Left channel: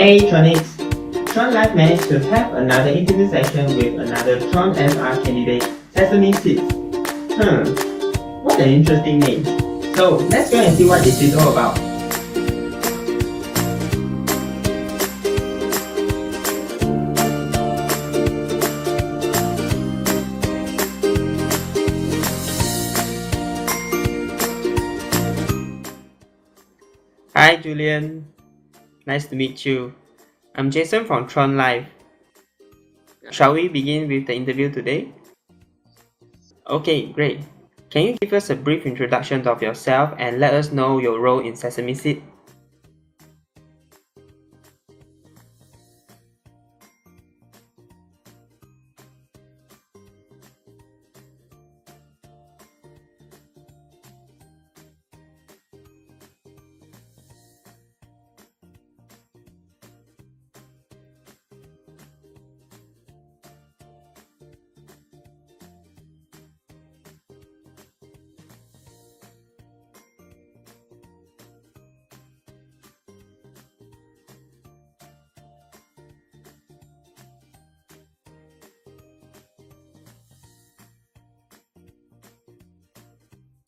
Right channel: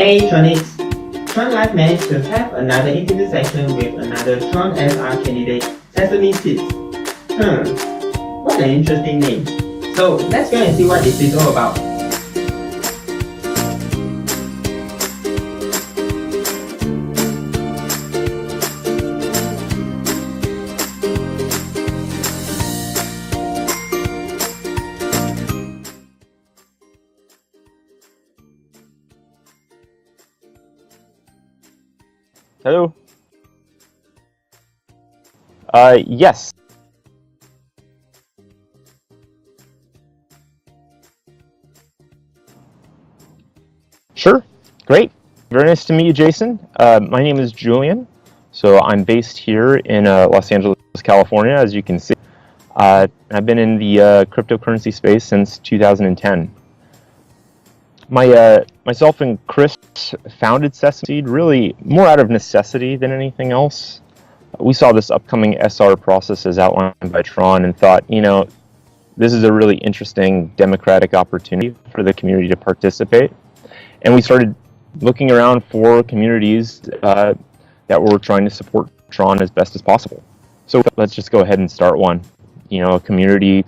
Hey Tronics! TronLive managed to have another interview session with another TRONSR candidate, Sesameseed. What an interesting name. So let's go and see what this is all about. Hi Julian, nice to meet you. I'm Jason from TronLive. Hello. Shall we begin with the interview today? Yes. Okay, great. Can you give us a brief introduction of yourself and let us know your role in Sesameseed? Sure. Great. Very nice to meet you, Jason. My name is Julian. So I'm based here in Los Angeles, California, as you can see. I've been in the cryptocurrency space since 2010. Myself and Chris founded Sesameseed really more out of necessity than anything else. We saw this upcoming SR process as outlined by Tron and thought, this is a really interesting democratic opportunity for the community to participate. And we started looking around for communities that were trying to support Tron as best as possible. So let's just go ahead and start one. A community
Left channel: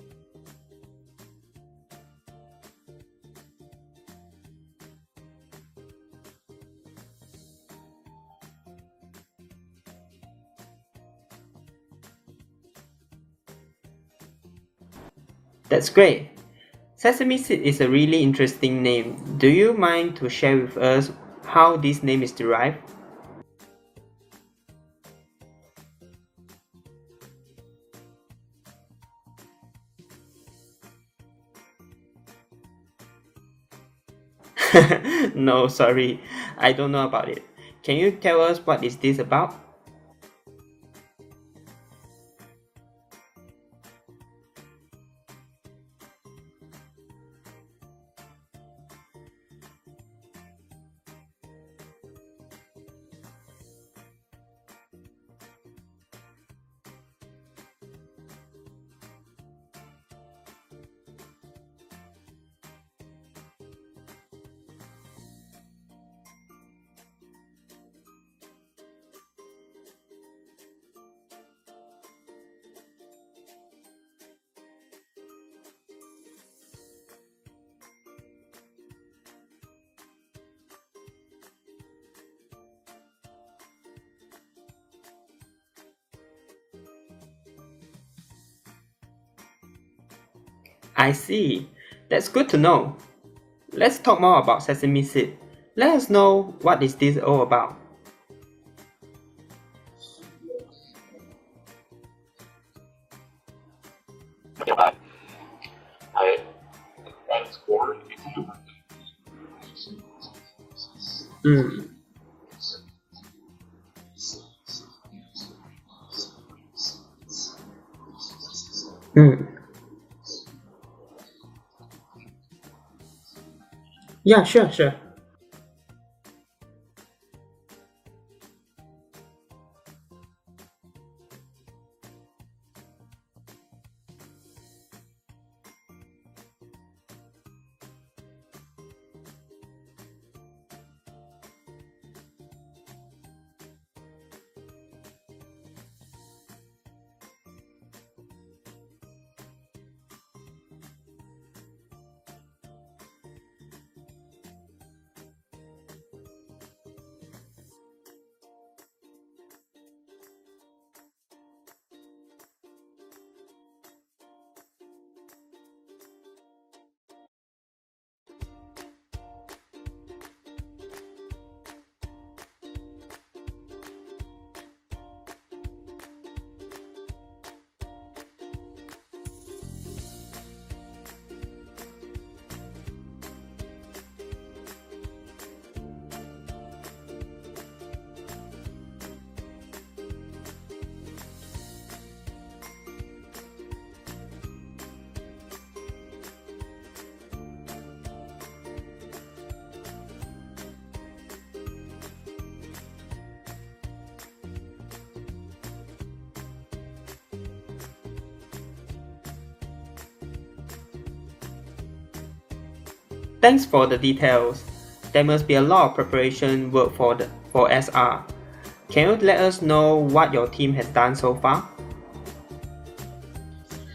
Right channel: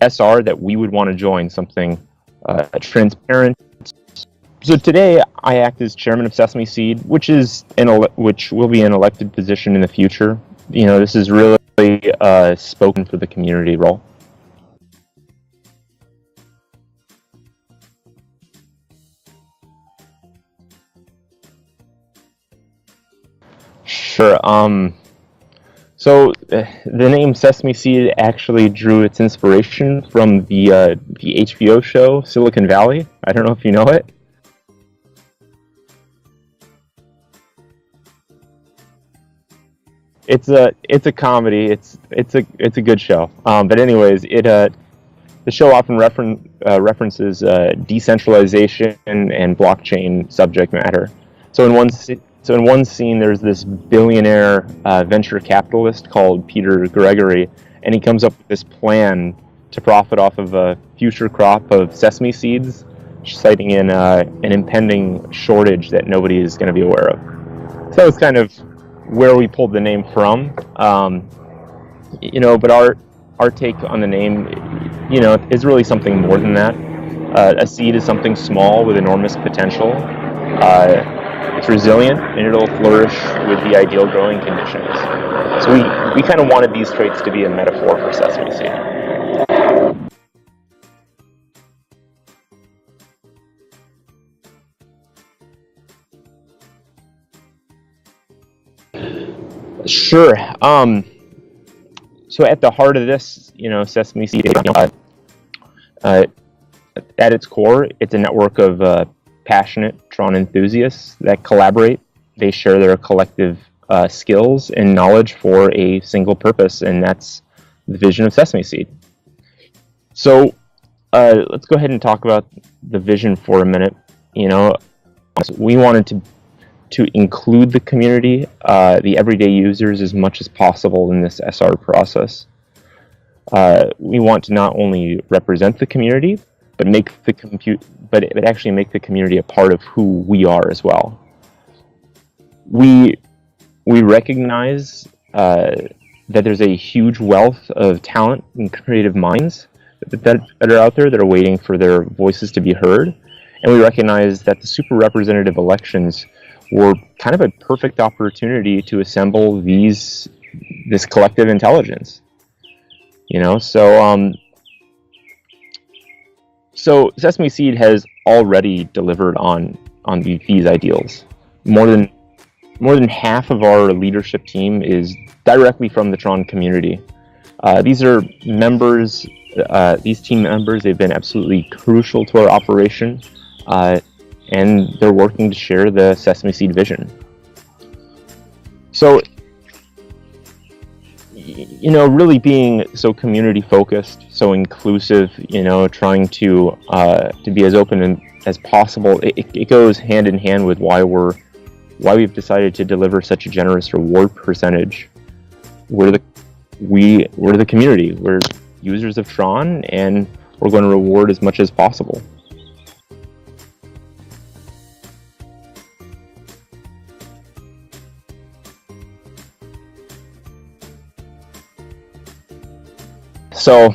SR that we would want to join, something transparent. So today I act as chairman of Sesameseed, which will be an elected position in the future. This is really spoken for the community role. That's great. Sesameseed is a really interesting name. Do you mind to share with us how this name is derived? Sure. So the name Sesameseed actually drew its inspiration from the HBO show Silicon Valley. I don't know if you know it. No, sorry, I don't know about it. Can you tell us what is this about? It's a comedy. It's a good show. But anyways, the show often references decentralization and blockchain subject matter. So in one scene, there's this billionaire venture capitalist called Peter Gregory, and he comes up with this plan to profit off of a future crop of sesame seeds, citing in an impending shortage that nobody is going to be aware of. So that was kind of where we pulled the name from. But our take on the name, is really something more than that. A seed is something small with enormous potential. It's resilient, and it'll flourish with the ideal growing conditions. So we kind of wanted these traits to be a metaphor for sesame seed. I see. That's good to know. Let's talk more about Sesameseed. Let us know what is this all about. Sure. So at the heart of this, Sesameseed, at its core, it's a network of passionate Tron enthusiasts that collaborate. They share their collective skills and knowledge for a single purpose, and that's the vision of Sesameseed. So let's go ahead and talk about the vision for a minute. Sure. We wanted to include the community, the everyday users, as much as possible in this SR process. We want to not only represent the community, but actually make the community a part of who we are as well. We recognize that there's a huge wealth of talent and creative minds that are out there that are waiting for their voices to be heard, and we recognize that the super representative elections were kind of a perfect opportunity to assemble this collective intelligence. So Sesameseed has already delivered on these ideals. More than half of our leadership team is directly from the Tron community. These are members. These team members, they've been absolutely crucial to our operation, and they're working to share the Sesameseed vision. So, really being so community focused, so inclusive, trying to be as open as possible, it goes hand in hand with why we've decided to deliver such a generous reward percentage. We're the community. We're users of Tron, and we're going to reward as much as possible. Thanks for the details. there must be a lot of preparation work for SR. Can you let us know what your team has done so far? So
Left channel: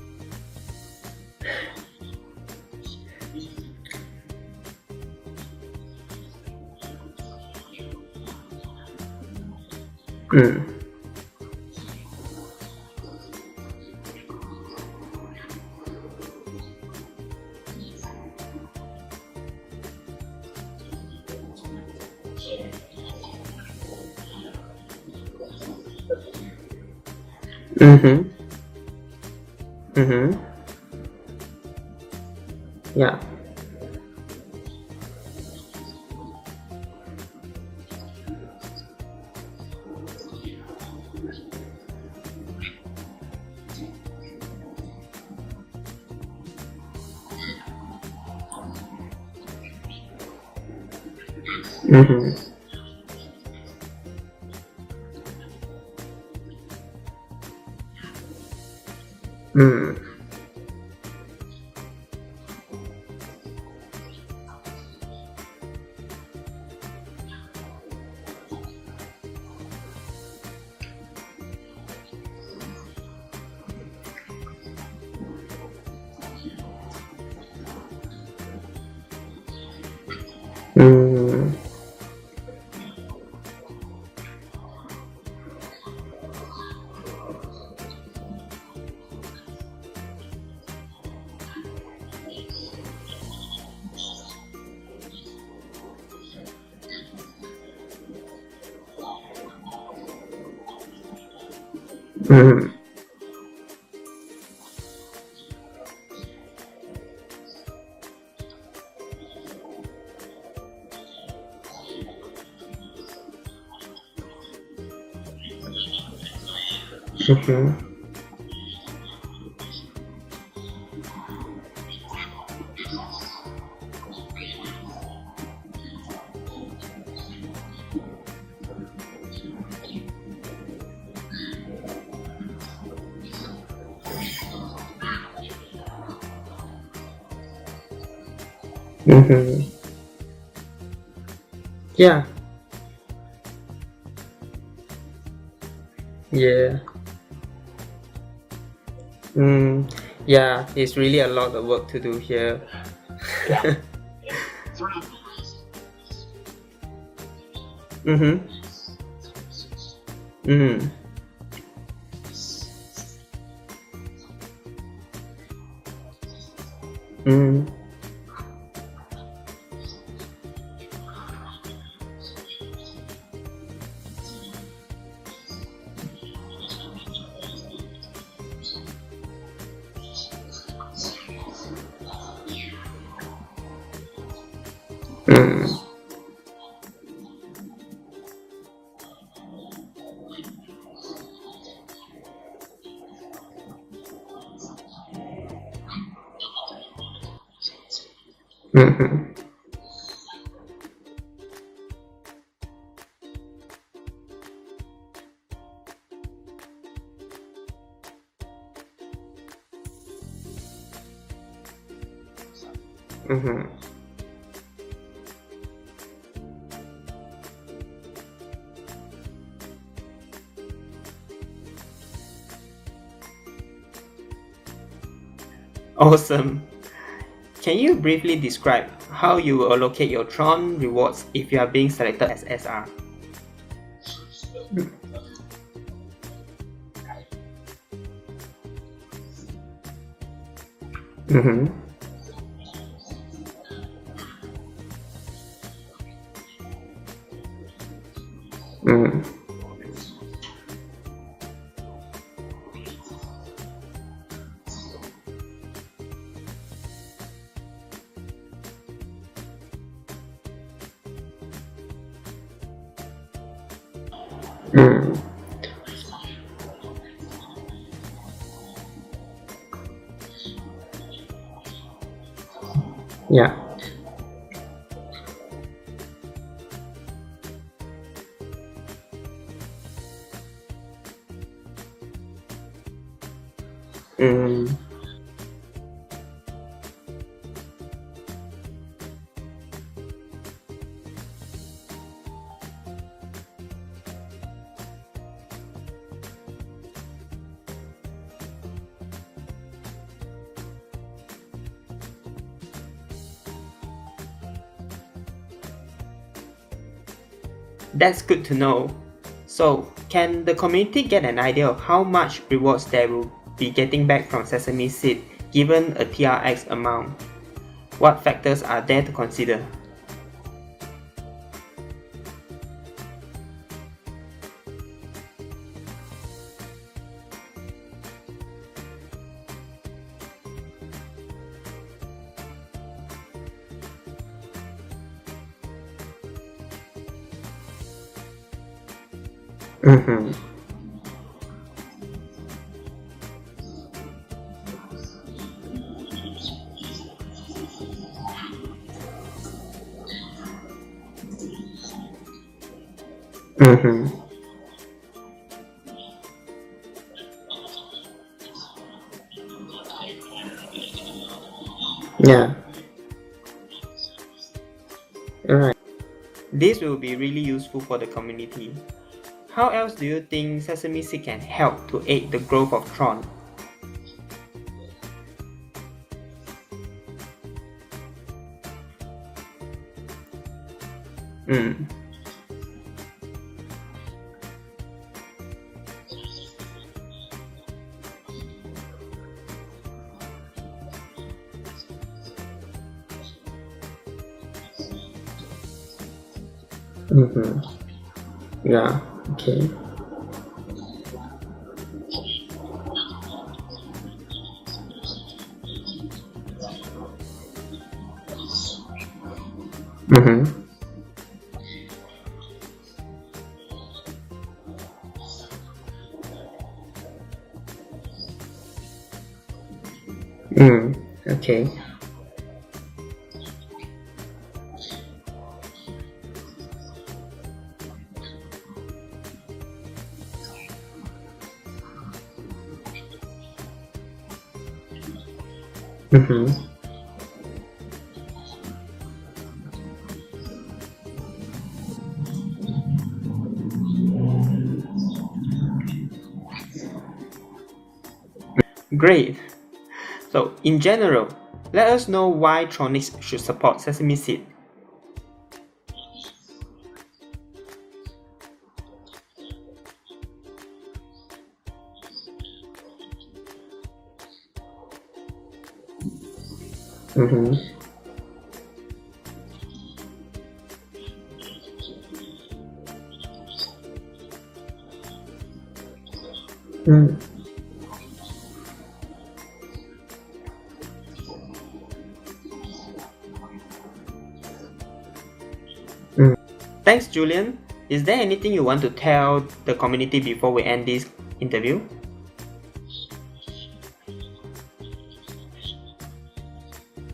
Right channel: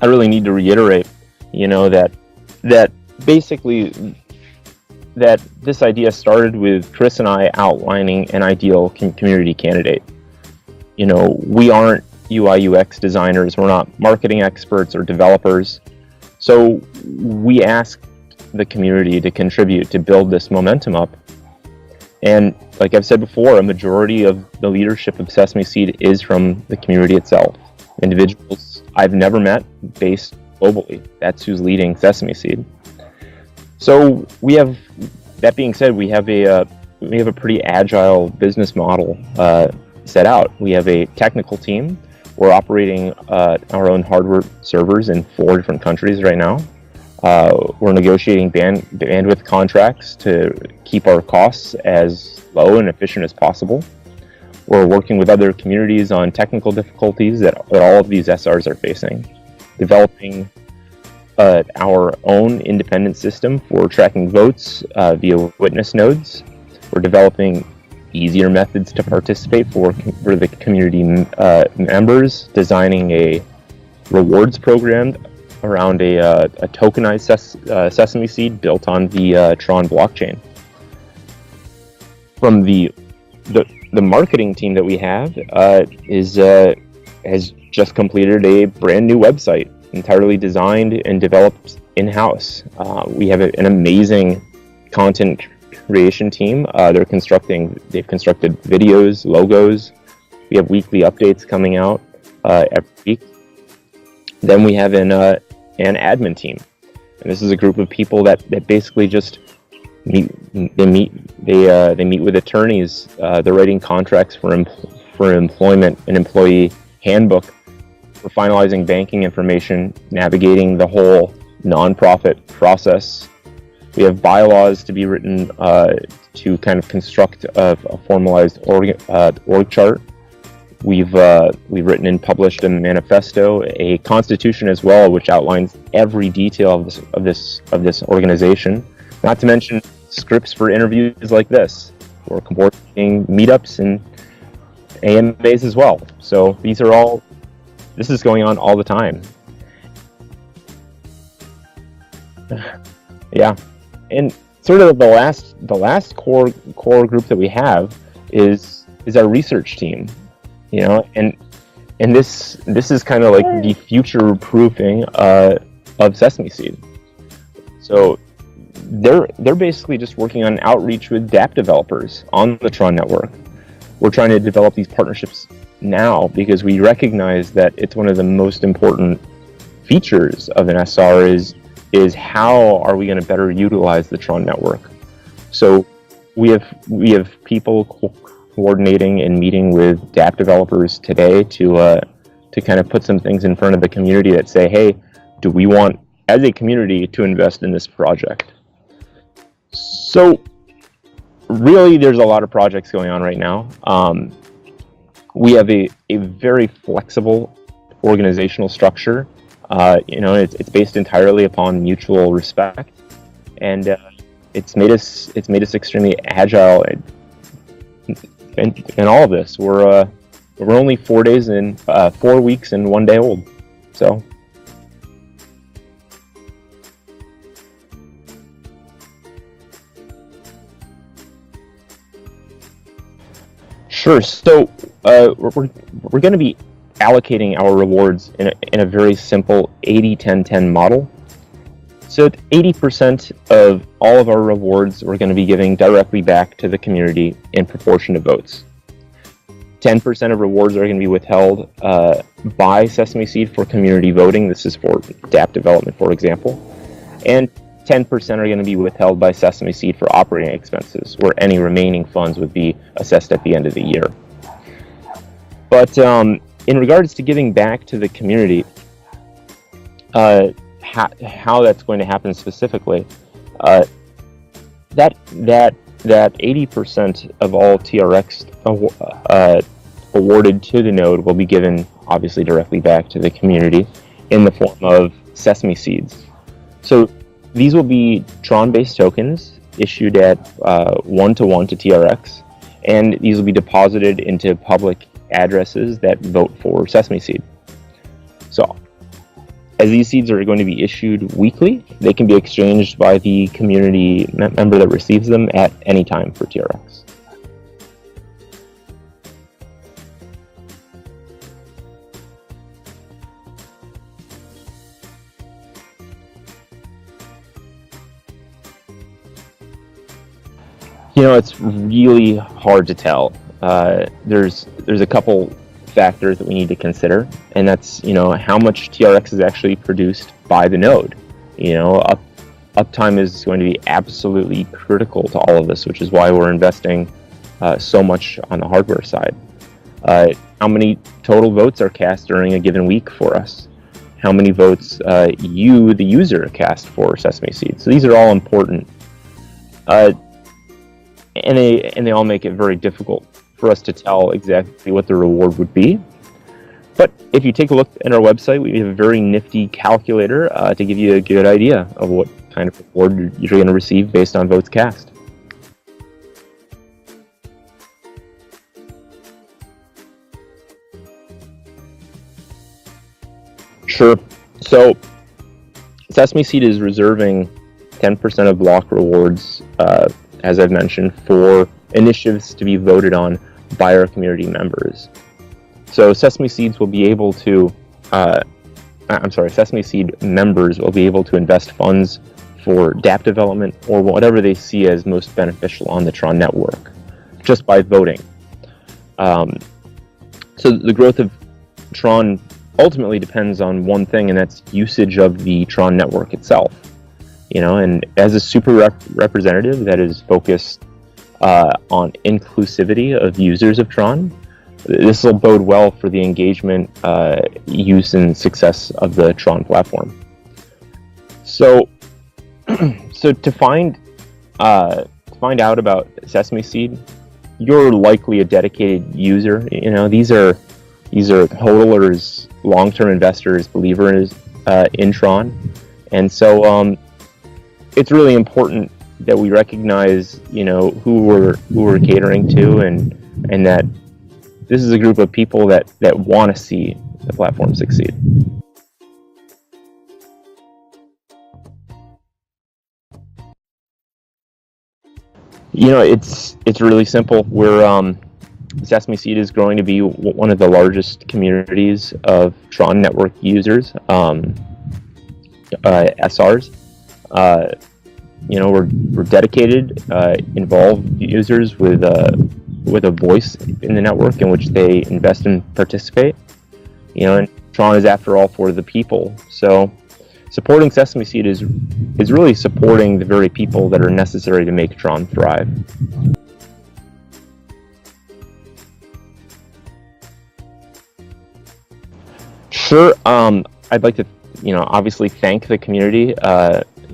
I really need to reiterate, that basically that this idea started with Chris and I outlining an ideal community candidate. We aren't UI UX designers, we're not marketing experts or developers. So we asked the community to contribute to build this momentum up. And like I've said before, a majority of the leadership of Sesameseed is from the community itself. Individuals I've never met based globally. That's who's leading Sesameseed. Yeah. So that being said, we have a pretty agile business model set out. We have a technical team. We're operating our own hardware servers in 4 different countries right now. We're negotiating bandwidth contracts to keep our costs as low and efficient as possible. We're working with other communities on technical difficulties that all of these SRs are facing. Developing our own independent system for tracking votes via witness nodes. We're developing easier methods to participate for the community members, designing a rewards program around a tokenized Sesameseed built on the Tron blockchain. From the marketing team that we have has just completed a brand new website, entirely designed and developed in-house. We have an amazing content creation team. They've constructed videos, logos. We have weekly updates coming out every week. Then we have an admin team, and this is a group of people that basically just meet. They meet with attorneys. They're writing contracts for employment, an employee handbook. We're finalizing banking information, navigating the whole nonprofit process. We have bylaws to be written to kind of construct a formalized org chart. We've written and published a manifesto, a constitution as well, which outlines every detail of this organization. Not to mention scripts for interviews like this. Yeah. We're coordinating meetups and AMAs as well. So this is going on all the time. Yeah, it's really a lot of work to do here. Yeah. And sort of the last core group that we have is our research team. And this is kind of like the future proofing of Sesameseed. So they're basically just working on outreach with dApp developers on the Tron network. We're trying to develop these partnerships now because we recognize that it's one of the most important features of an SR is how are we going to better utilize the Tron network. So we have people coordinating and meeting with dApp developers today to kind of put some things in front of the community that say, hey, do we want as a community to invest in this project? So really there's a lot of projects going on right now. We have a very flexible organizational structure. It's based entirely upon mutual respect, and it's made us extremely agile. In all of this, we're only 4 weeks and 1 day old. So awesome. Can you briefly describe how you will allocate your Tron rewards if you are being selected as SR? Sure. So we're going to be allocating our rewards in a very simple 80-10-10 model. So 80% of all of our rewards we're going to be giving directly back to the community in proportion to votes. 10% of rewards are going to be withheld by Sesameseed for community voting. This is for dApp development, for example. And 10% are going to be withheld by Sesameseed for operating expenses, where any remaining funds would be assessed at the end of the year. But in regards to giving back to the community, how that's going to happen specifically, that 80% of all TRX awarded to the node will be given obviously directly back to the community in the form of Sesame seeds. So these will be Tron-based tokens issued at 1-to-1 to TRX, and these will be deposited into public addresses that vote for Sesameseed. So, as these seeds are going to be issued weekly, they can be exchanged by the community member that receives them at any time for TRX. That's good to know. So, can the community get an idea of how much rewards they will be getting back from Sesameseed given a TRX amount? What factors are there to consider? You know, it's really hard to tell. There's a couple factors that we need to consider, and that's, you know, how much TRX is actually produced by the node. You know, uptime is going to be absolutely critical to all of this, which is why we're investing so much on the hardware side. How many total votes are cast during a given week for us? How many votes you, the user, cast for Sesameseed? So these are all important, and they all make it very difficult for us to tell exactly what the reward would be. But if you take a look at our website, we have a very nifty calculator to give you a good idea of what kind of reward you're going to receive based on votes cast. Alright. This will be really useful for the community. How else do you think Sesameseed can help to aid the growth of Tron? Sure. So, Sesameseed is reserving 10% of block rewards, as I've mentioned, for initiatives to be voted on by our community members. So Sesameseed will be able to, Sesameseed members will be able to invest funds for dApp development or whatever they see as most beneficial on the Tron network, just by voting. So the growth of Tron ultimately depends on one thing, and that's usage of the Tron network itself. You know, and as a super representative that is focused on inclusivity of users of Tron, this will bode well for the engagement, use, and success of the Tron platform. So to find out about Sesameseed, you're likely a dedicated user. You know, these are hodlers, long-term investors, believers in Tron, and so it's really important that we recognize, you know, who we're catering to, and that this is a group of people that want to see the platform succeed. Great. So, in general, let us know why Tronics should support Sesameseed. You know, it's really simple. Sesameseed is growing to be one of the largest communities of Tron network users, SRs. You know, we're dedicated, involved users with a voice in the network in which they invest and participate. You know, and Tron is, after all, for the people. So supporting Sesameseed is really supporting the very people that are necessary to make Tron thrive. Thanks, Julian. Is there anything you want to tell the community before we end this interview? Sure. I'd like to, you know, obviously thank the community.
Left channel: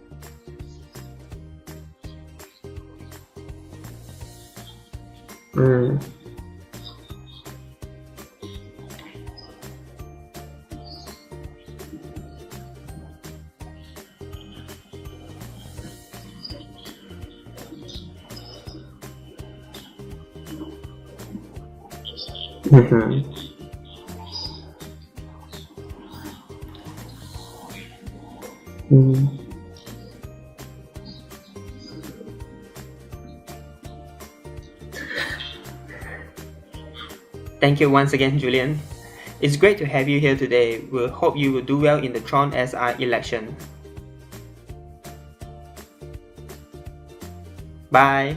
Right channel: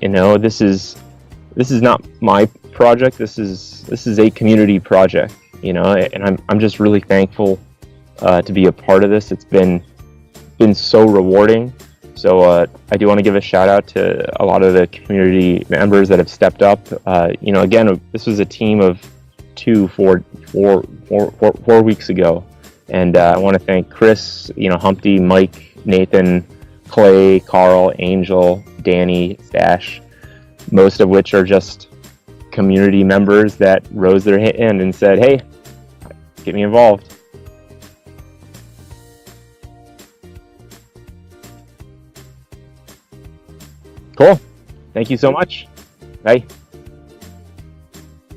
You know, this is not my project. This is a community project. You know, and I'm just really thankful to be a part of this. It's been so rewarding. So I do want to give a shout out to a lot of the community members that have stepped up. You know, again, this was a team of 4 weeks ago, and I want to thank Chris, you know, Humpty, Mike, Nathan, Clay, Carl, Angel, Danny, Stash, most of which are just community members that rose their hand and said, hey, get me involved. Thank you once again, Julian. It's great to have you here today. We hope you will do well in the TronSR election. Cool. Thank you so much. Bye. Bye.